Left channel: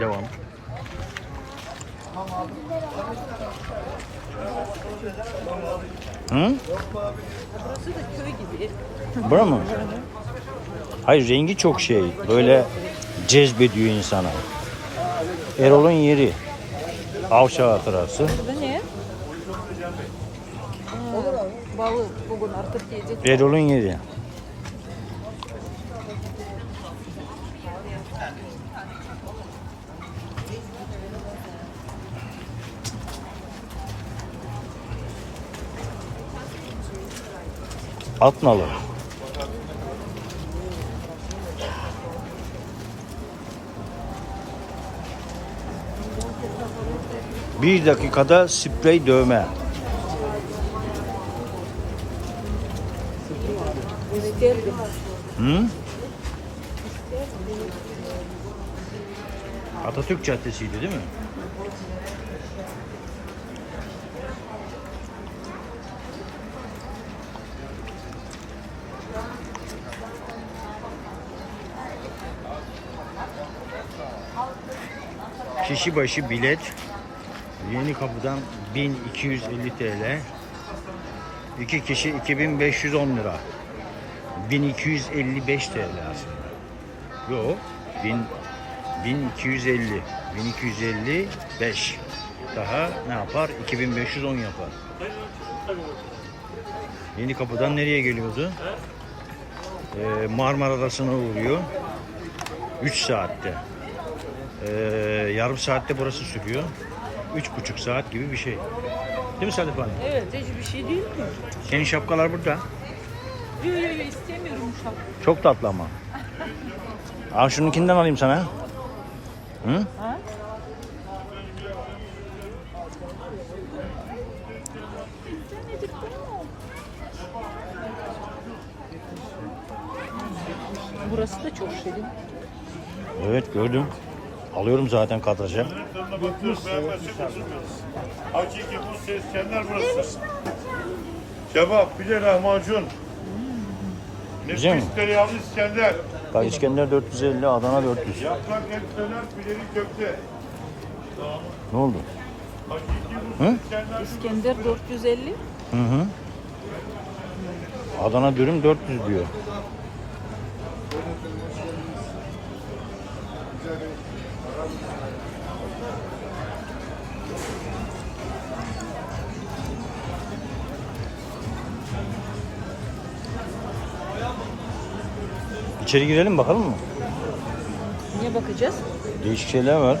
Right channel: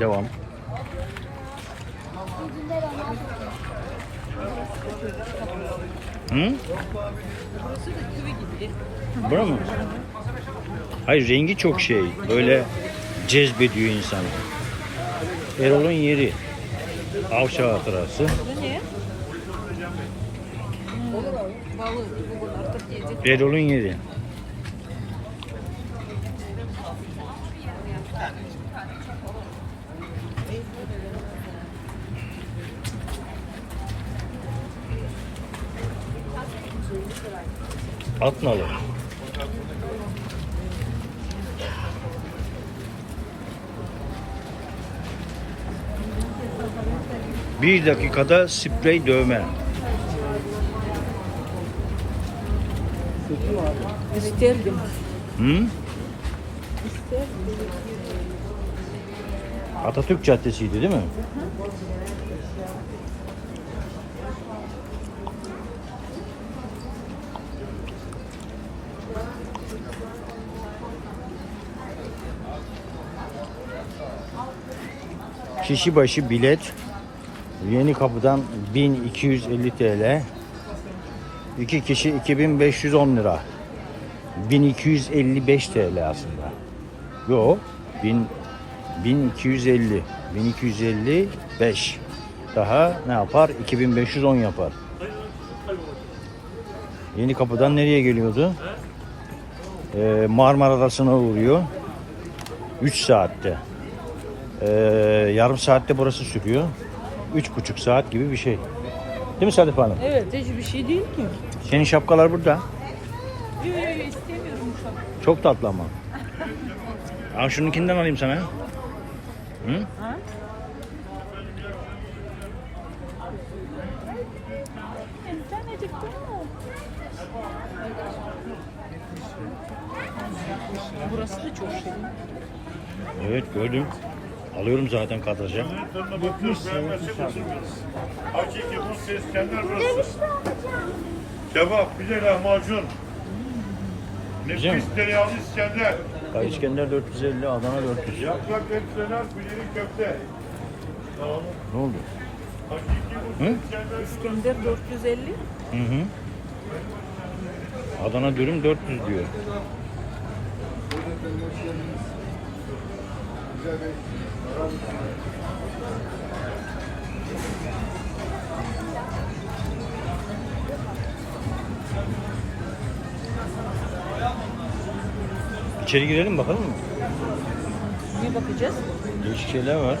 Devam. Hı? Bura mı? Hayır rengi çok şey. Böyle cezbediyor insana. Erol'un yeri. Avşa hatırası. Erol'un yeri. Atnalı. Bir dakikada sprey dövme. Hı? Atatürk Caddesi'ydi değil mi? Kişi başı bilet Yeni Kapı'dan 1250 TL. İki kişi 2510 lira. 1255 TL aslında. Yo, 1000 1250. 1255. Daha ne yapar? 2510 yapar. Yeni kapıdan nereye geliyordu? Ee, Marmara Adası'na uğruyor. 3 saatte. Ee, yarım saatte burası sürüyor. 3,5 saat gibi bir şey. Değil mi Sadif Hanım? Evet, hiç bir şey değil ki. Senin şapkalar burada. Yok yok yok istemiyorum an. Çok tatlı ama. Al şununkinden alayım sana. Hı? Ha? Burası da çok şirin. Evet gördüm. Alıyorum zaten kadraja. Hakiki bu ses İskender burası. Kebap, bir de lahmacun. Güzel mi? Nefis tereyağlı İskender. Bak İskender 450, Adana 400. Yaprak etseler, bileri köfte. Ne oldu? Hakiki bu Hı? İskender. İskender 450. Hı hı. Adana dürüm 400 diyor. İçeri girelim bakalım mı? Niye bakacağız? Değişik şeyler var.